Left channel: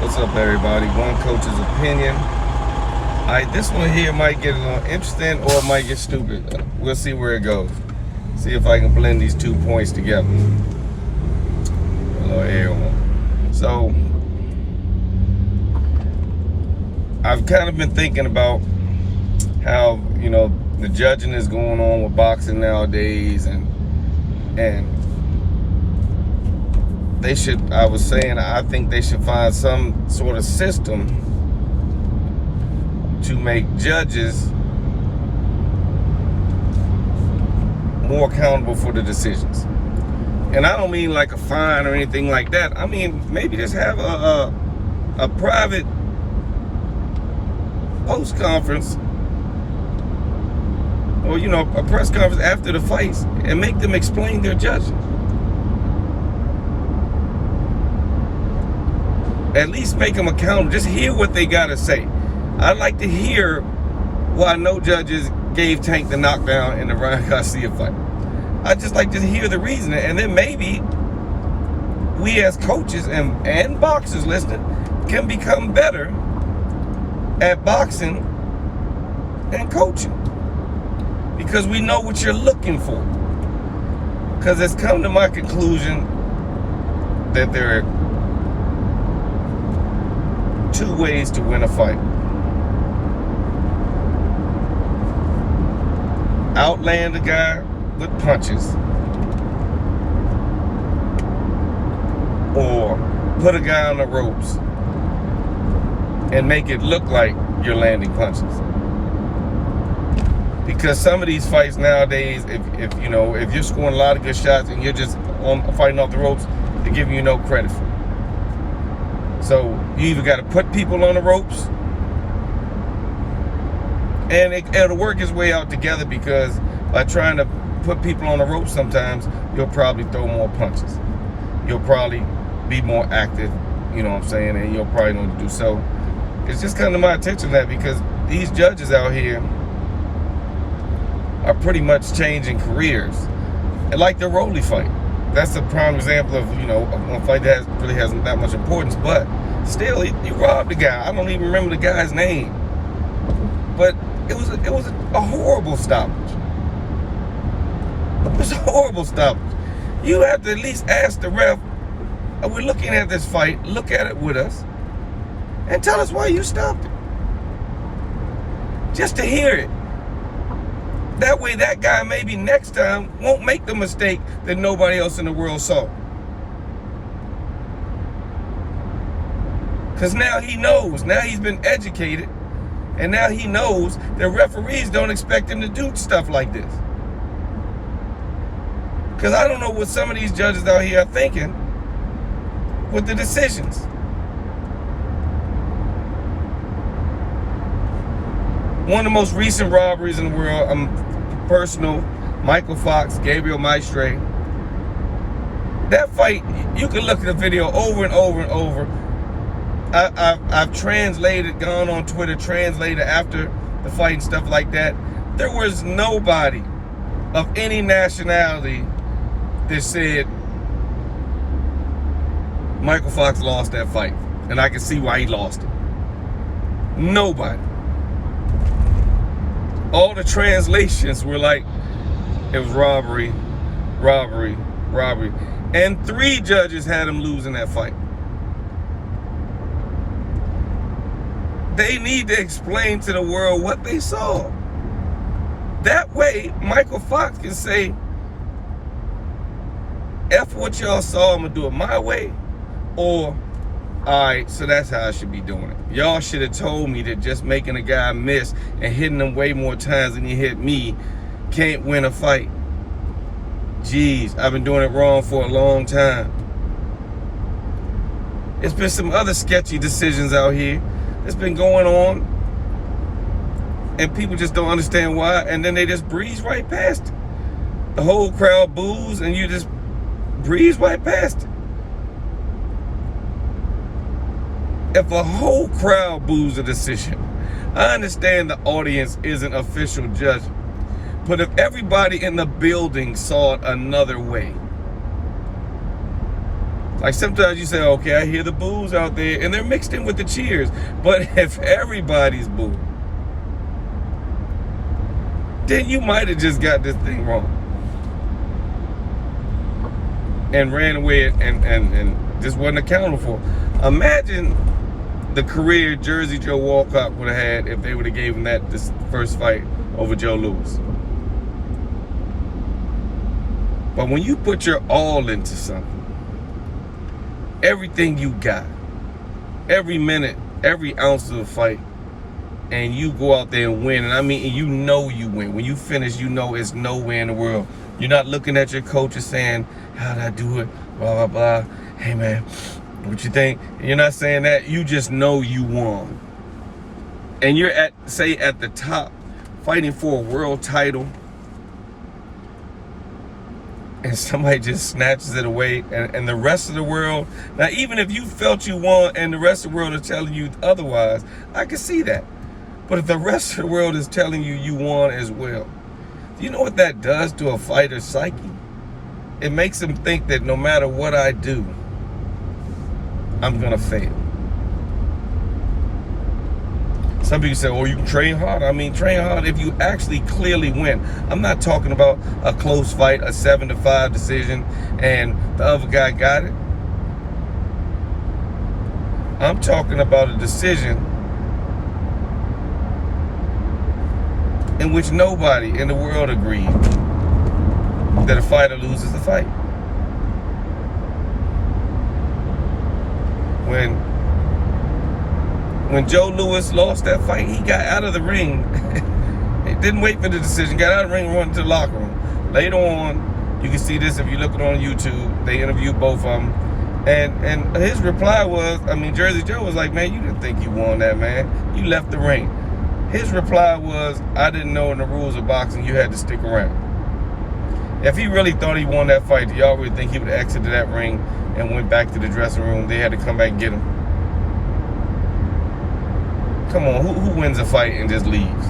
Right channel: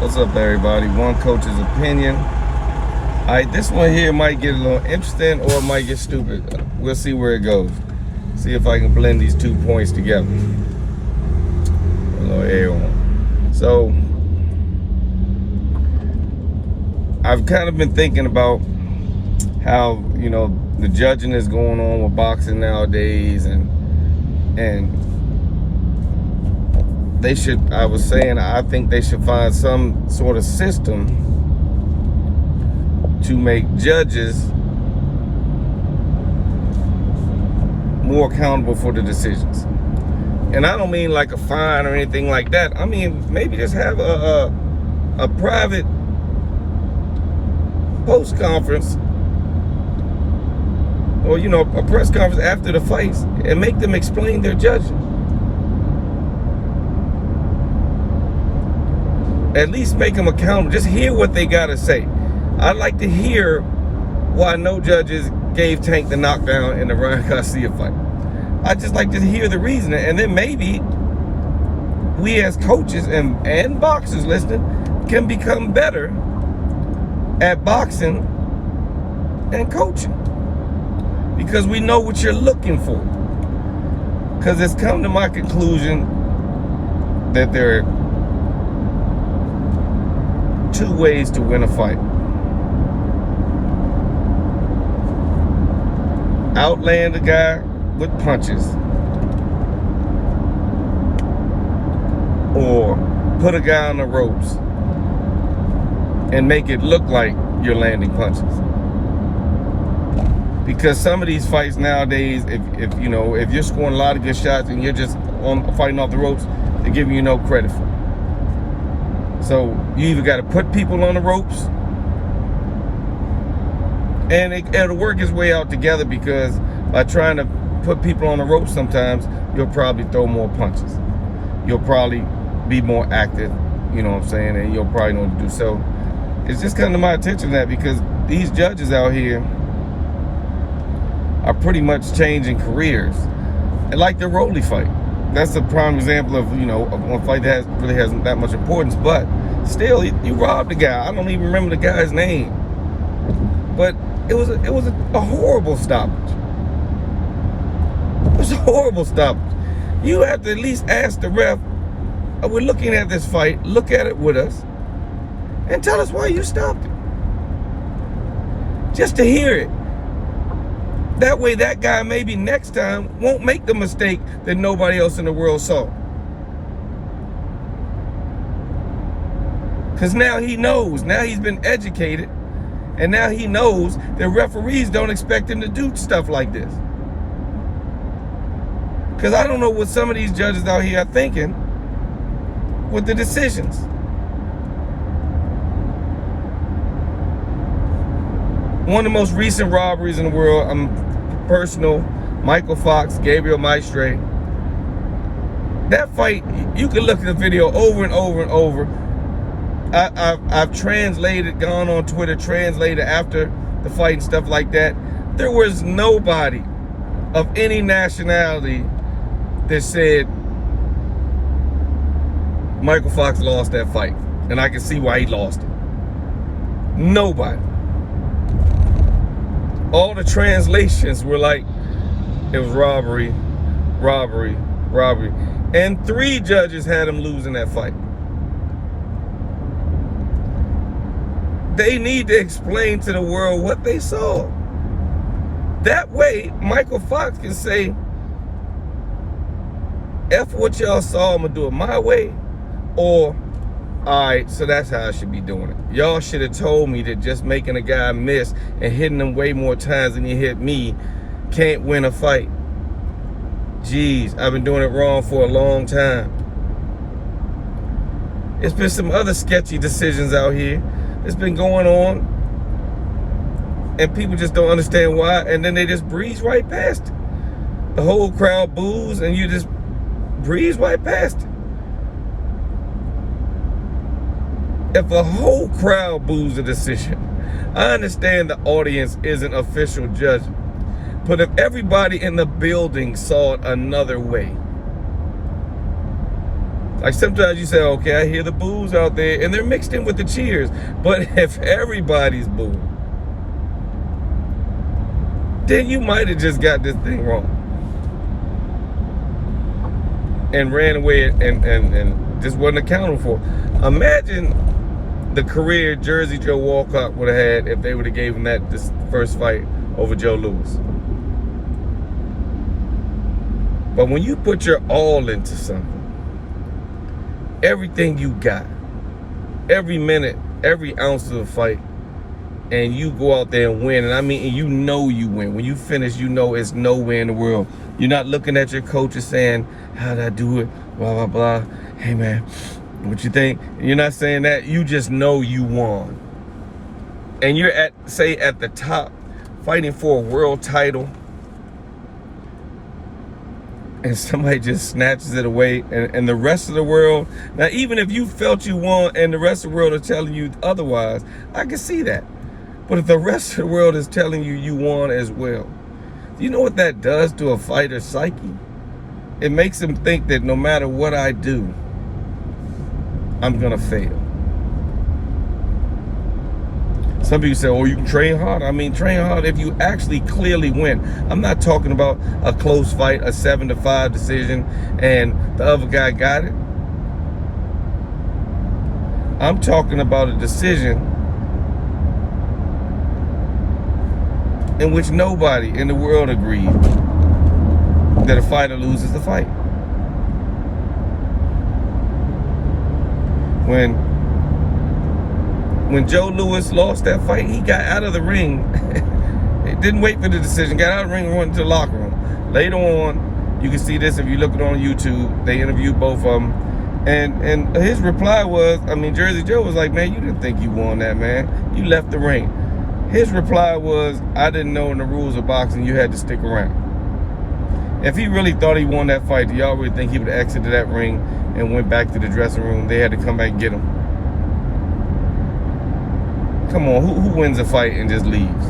What's up, everybody? One coach's opinion. All right, this one here might get a little interesting or it might get stupid. We'll see where it goes. See if I can blend these 2 points together. A little air on. So, I've kind of been thinking about how, the judging is going on with boxing nowadays, and they should, I think they should find some sort of system to make judges more accountable for the decisions. And I don't mean like a fine or anything like that. I mean, maybe just have a private post conference, or a press conference after the fights, and make them explain their judging. At least make them accountable. Just hear what they gotta say. I'd like to hear why no judges gave Tank the knockdown in the Ryan Garcia fight. I'd just like to hear the reason, and then maybe we as coaches and boxers listening can become better at boxing and coaching, because we know what you're looking for. Because it's come to my conclusion that there are 2 ways to win a fight: outland a guy with punches, or put a guy on the ropes and make it look like you're landing punches. Because some of these fights nowadays, if you're scoring a lot of good shots and you're just fighting off the ropes, they're giving you no credit for it. So you either got to put people on the ropes, and it'll work its way out together, because by trying to put people on the ropes, sometimes you'll probably throw more punches. You'll probably be more active, you know what I'm saying, and you'll probably know what to do. So it's just come to my attention that because these judges out here are pretty much changing careers. And like the Rolly fight, that's a prime example of, of one fight that really hasn't that much importance, but still, you robbed the guy. I don't even remember the guy's name, but it was a horrible stoppage. It was a horrible stoppage. You have to at least ask the ref, we're looking at this fight, look at it with us, and tell us why you stopped it. Just to hear it. That way that guy maybe next time won't make the mistake that nobody else in the world saw. Because now he knows, now he's been educated, and now he knows that referees don't expect him to do stuff like this. Because I don't know what some of these judges out here are thinking with the decisions. One of the most recent robberies in the world, personal, Michael Fox, Gabriel Maestre. That fight, you can look at the video over and over and over. I've translated, gone on Twitter, translated after the fight and stuff like that. There was nobody of any nationality that said Michael Fox lost that fight, and I can see why he lost it. Nobody. All the translations were like, it was robbery, robbery, robbery. And 3 judges had him losing that fight. They need to explain to the world what they saw. That way, Michael Fox can say, F what y'all saw, I'm gonna do it my way. Or, alright, so that's how I should be doing it. Y'all should have told me that just making a guy miss and hitting him way more times than you hit me can't win a fight. Jeez, I've been doing it wrong for a long time. There's been some other sketchy decisions out here that's been going on, and people just don't understand why, and then they just breeze right past it. The whole crowd boos, and you just breeze right past it. If a whole crowd boos a decision, I understand the audience isn't official judgment, but if everybody in the building saw it another way, Like sometimes you say, okay, I hear the boos out there, and they're mixed in with the cheers. But if everybody's booing, then you might have just got this thing wrong and ran away and just wasn't accountable for. Imagine the career Jersey Joe Walcott would have had if they would have gave him this first fight over Joe Louis. But when you put your all into something, everything you got, every minute, every ounce of the fight, and you go out there and win, and I mean, you know you win. When you finish, you know it's no way in the world. You're not looking at your coach and saying, how'd I do it, blah, blah, blah. Hey, man, what you think? You're not saying that. You just know you won. And you're at the top, fighting for a world title, and somebody just snatches it away, and the rest of the world, now even if you felt you won and the rest of the world is telling you otherwise, I can see that. But if the rest of the world is telling you you won as well, you know what that does to a fighter's psyche? It makes him think that no matter what I do, I'm gonna fail. Some people say, oh, you can train hard. I mean, train hard if you actually clearly win. I'm not talking about a close fight, a 7-5 decision, and the other guy got it. I'm talking about a decision in which nobody in the world agreed that a fighter loses the fight. When Joe Louis lost that fight, he got out of the ring. He didn't wait for the decision. Got out of the ring and went into the locker room. Later on, you can see this if you look it on YouTube. They interviewed both of them. And his reply was, I mean, Jersey Joe was like, man, you didn't think you won that, man. You left the ring. His reply was, I didn't know in the rules of boxing you had to stick around. If he really thought he won that fight, do y'all really think he would have exited that ring and went back to the dressing room? They had to come back and get him. Come on, who wins a fight and just leaves?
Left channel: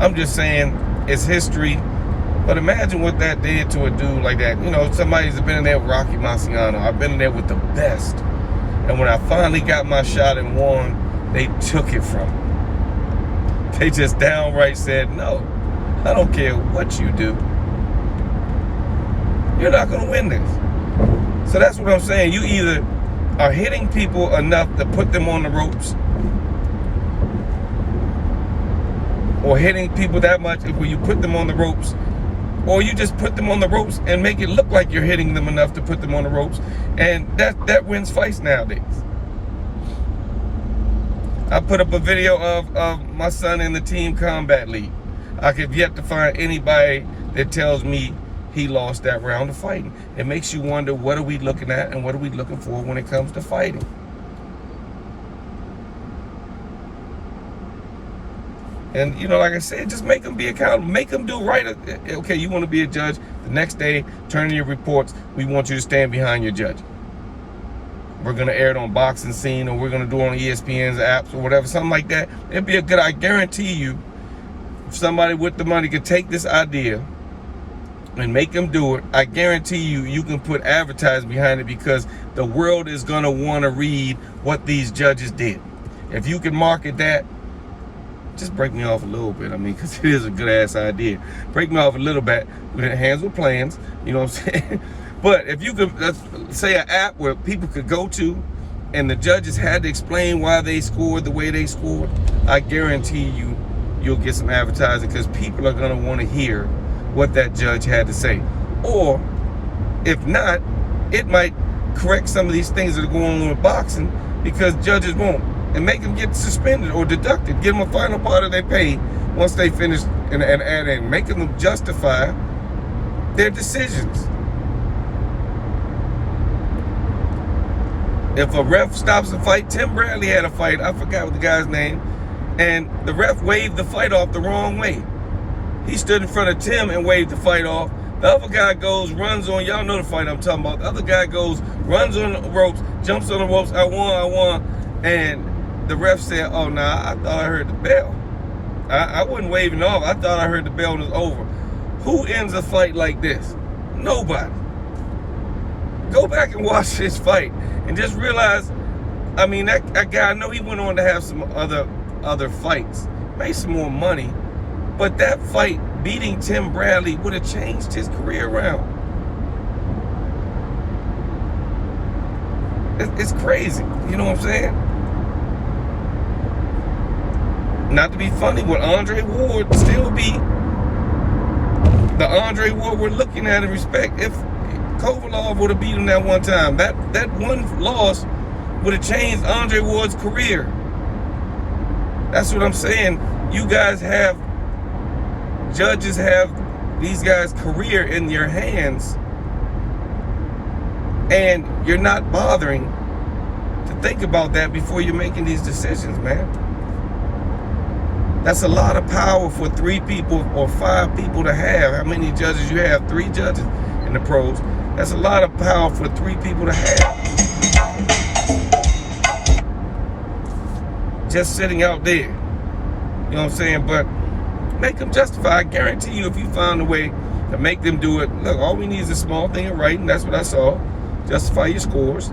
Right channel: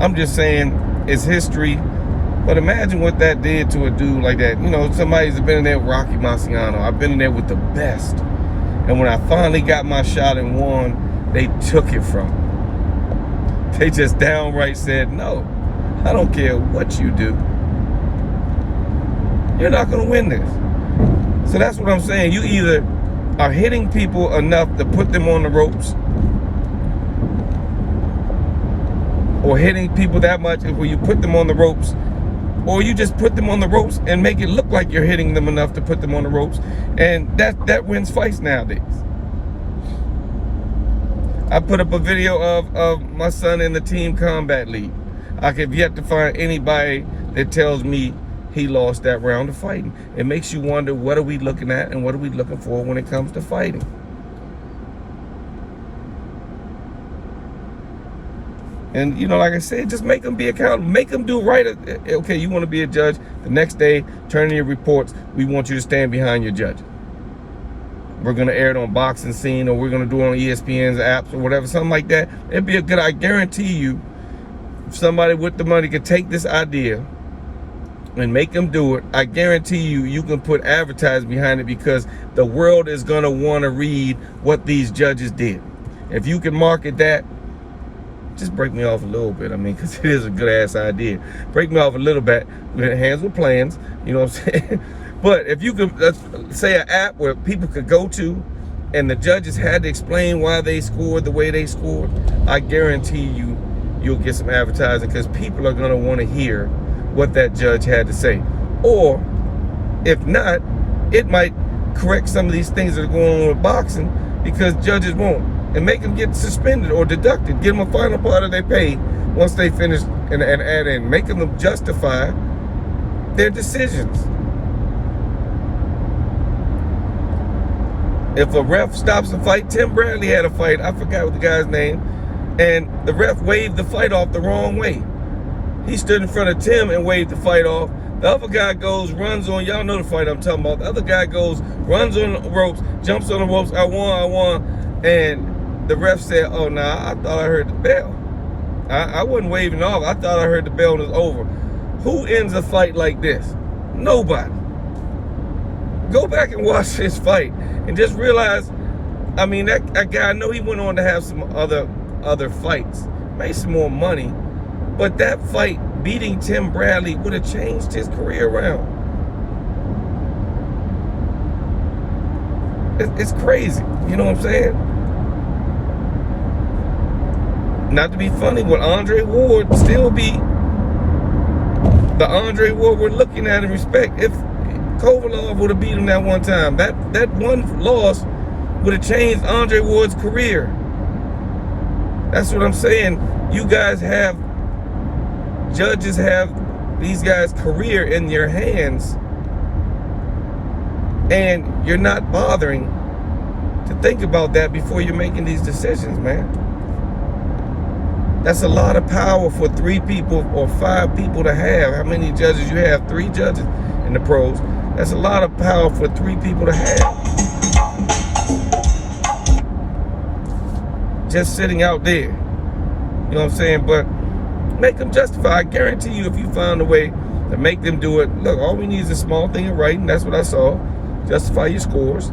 I'm just saying, it's history. But imagine what that did to a dude like that. You know, somebody's been in there with Rocky Marciano. I've been in there with the best. And when I finally got my shot and won, they took it from me. They just downright said, no, I don't care what you do. You're not going to win this. So that's what I'm saying. You either are hitting people enough to put them on the ropes, or hitting people that much where you put them on the ropes, or you just put them on the ropes and make it look like you're hitting them enough to put them on the ropes. And that wins fights nowadays. I put up a video of my son in the Team Combat League. I have yet to find anybody that tells me he lost that round of fighting. It makes you wonder, what are we looking at and what are we looking for when it comes to fighting? And, you know, like I said, just make them be accountable. Make them do right. Okay, you want to be a judge. The next day, turn in your reports. We want you to stand behind your judge. We're going to air it on Boxing Scene, or we're going to do it on ESPN's apps or whatever, something like that. It'd be a good, I guarantee you, if somebody with the money could take this idea and make them do it, I guarantee you can put advertising behind it, because the world is going to want to read what these judges did. If you can market that, just break me off a little bit. I mean, because it is a good ass idea. Break me off a little bit. Hands with plans. You know what I'm saying? But if you could, let's say, an app where people could go to, and the judges had to explain why they scored the way they scored, I guarantee you'll get some advertising, because people are going to want to hear what that judge had to say. Or if not, it might correct some of these things that are going on with boxing, because judges won't. And make them get suspended or deducted. Give them a final part of their pay once they finish, and making them justify their decisions. If a ref stops a fight, Tim Bradley had a fight, I forgot what the guy's name, and the ref waved the fight off the wrong way. He stood in front of Tim and waved the fight off. The other guy goes, runs on, y'all know the fight I'm talking about. The other guy goes, runs on the ropes, jumps on the ropes, I won. And the ref said, oh, nah, I thought I heard the bell. I wasn't waving off. I thought I heard the bell was over. Who ends a fight like this? Nobody. Go back and watch this fight and just realize, I mean, that guy, I know he went on to have some other fights, made some more money, but that fight, beating Tim Bradley, would have changed his career around. It's crazy, you know what I'm saying? Not to be funny, would Andre Ward still be the Andre Ward we're looking at and respect if Kovalev would have beat him that one time? That one loss would have changed Andre Ward's career. That's what I'm saying. You guys have, judges have these guys' career in your hands, and you're not bothering to think about that before you're making these decisions, man. That's a lot of power for 3 people or 5 people to have. How many judges you have? 3 judges in the pros. That's a lot of power for 3 people to have. Just sitting out there. You know what I'm saying? But make them justify. I guarantee you, if you found a way to make them do it, look, all we need is a small thing in writing. That's what I saw. Justify your scores.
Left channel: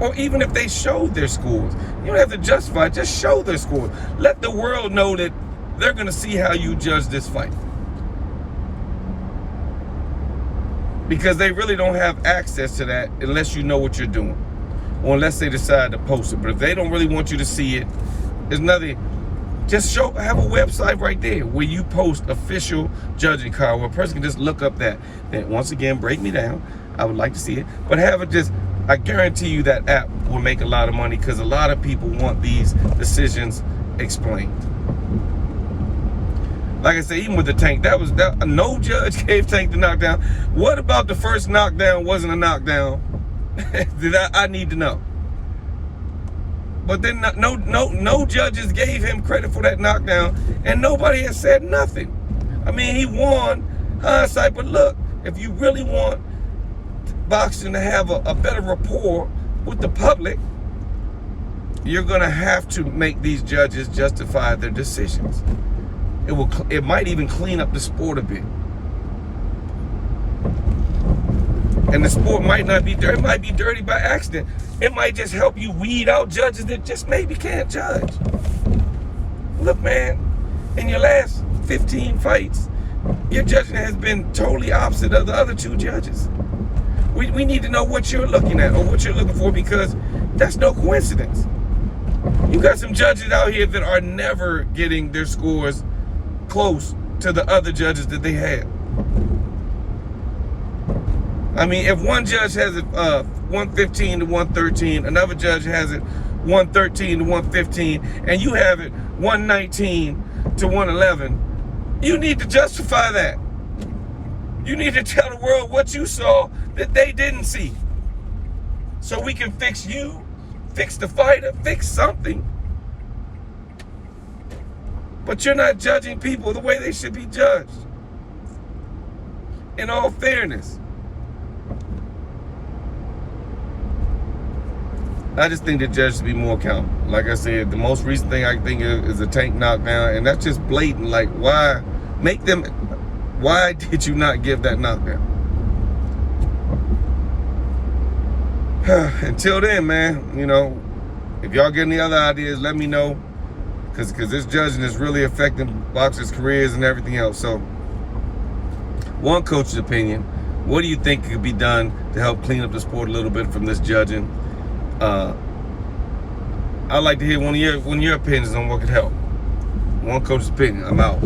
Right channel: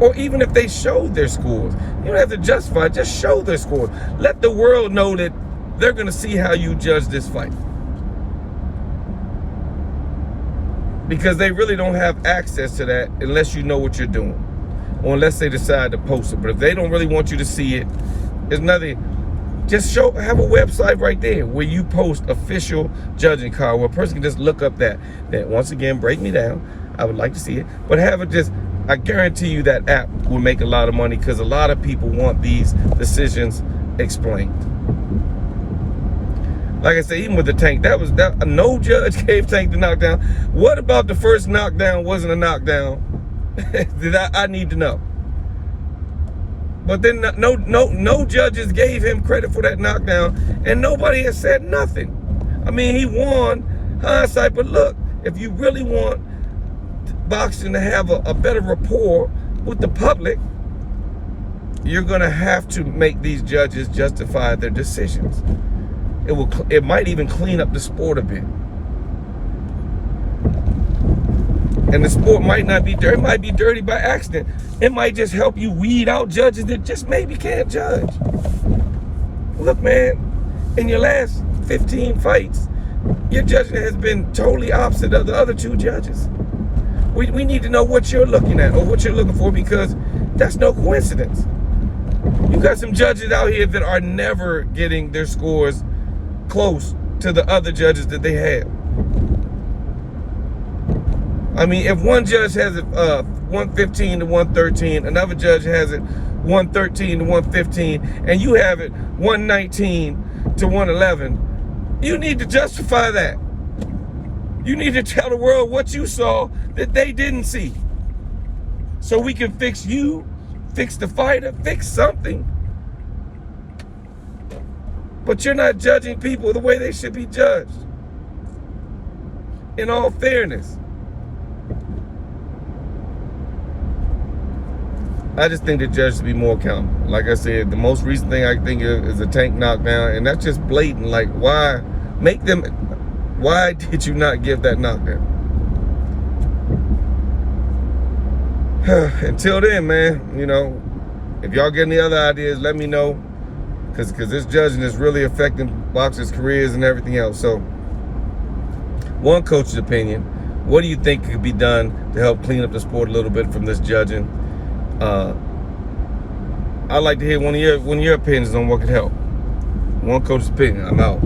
Or even if they showed their scores, you don't have to justify, just show their scores. Let the world know that they're going to see how you judge this fight. Because they really don't have access to that unless you know what you're doing, or unless they decide to post it. But if they don't really want you to see it, there's nothing. Just have a website right there where you post official judging card, where a person can just look up that. Then once again, break me down. I would like to see it, but have it just. I guarantee you that app will make a lot of money, because a lot of people want these decisions explained. Like I said, even with the Tank, no judge gave Tank the knockdown. What about the first knockdown wasn't a knockdown? I need to know. But then no judges gave him credit for that knockdown, and nobody has said nothing. I mean, he won, hindsight, but look, if you really want boxing to have a better rapport with the public, you're gonna have to make these judges justify their decisions. It might even clean up the sport a bit. And the sport might not be dirty. It might be dirty by accident. It might just help you weed out judges that just maybe can't judge. Look, man, in your last 15 fights, your judging has been totally opposite of the other 2 judges. We need to know what you're looking at or what you're looking for, because that's no coincidence. You got some judges out here that are never getting their scores close to the other judges that they have. I mean, if one judge has it 115 to 113, another judge has it 113 to 115, and you have it 119 to 111, you need to justify that. You need to tell the world what you saw that they didn't see, so we can fix you, fix the fighter, fix something. But you're not judging people the way they should be judged, in all fairness. I just think the judges should be more accountable. Like I said, the most recent thing I think is a Tank knockdown, and that's just blatant. Like, why did you not give that knockdown? Until then, man, you know, if y'all get any other ideas, let me know, because this judging is really affecting boxers' careers and everything else. So, one coach's opinion: what do you think could be done to help clean up the sport a little bit from this judging? I'd like to hear one of your opinions on what could help. One coach's opinion. I'm out.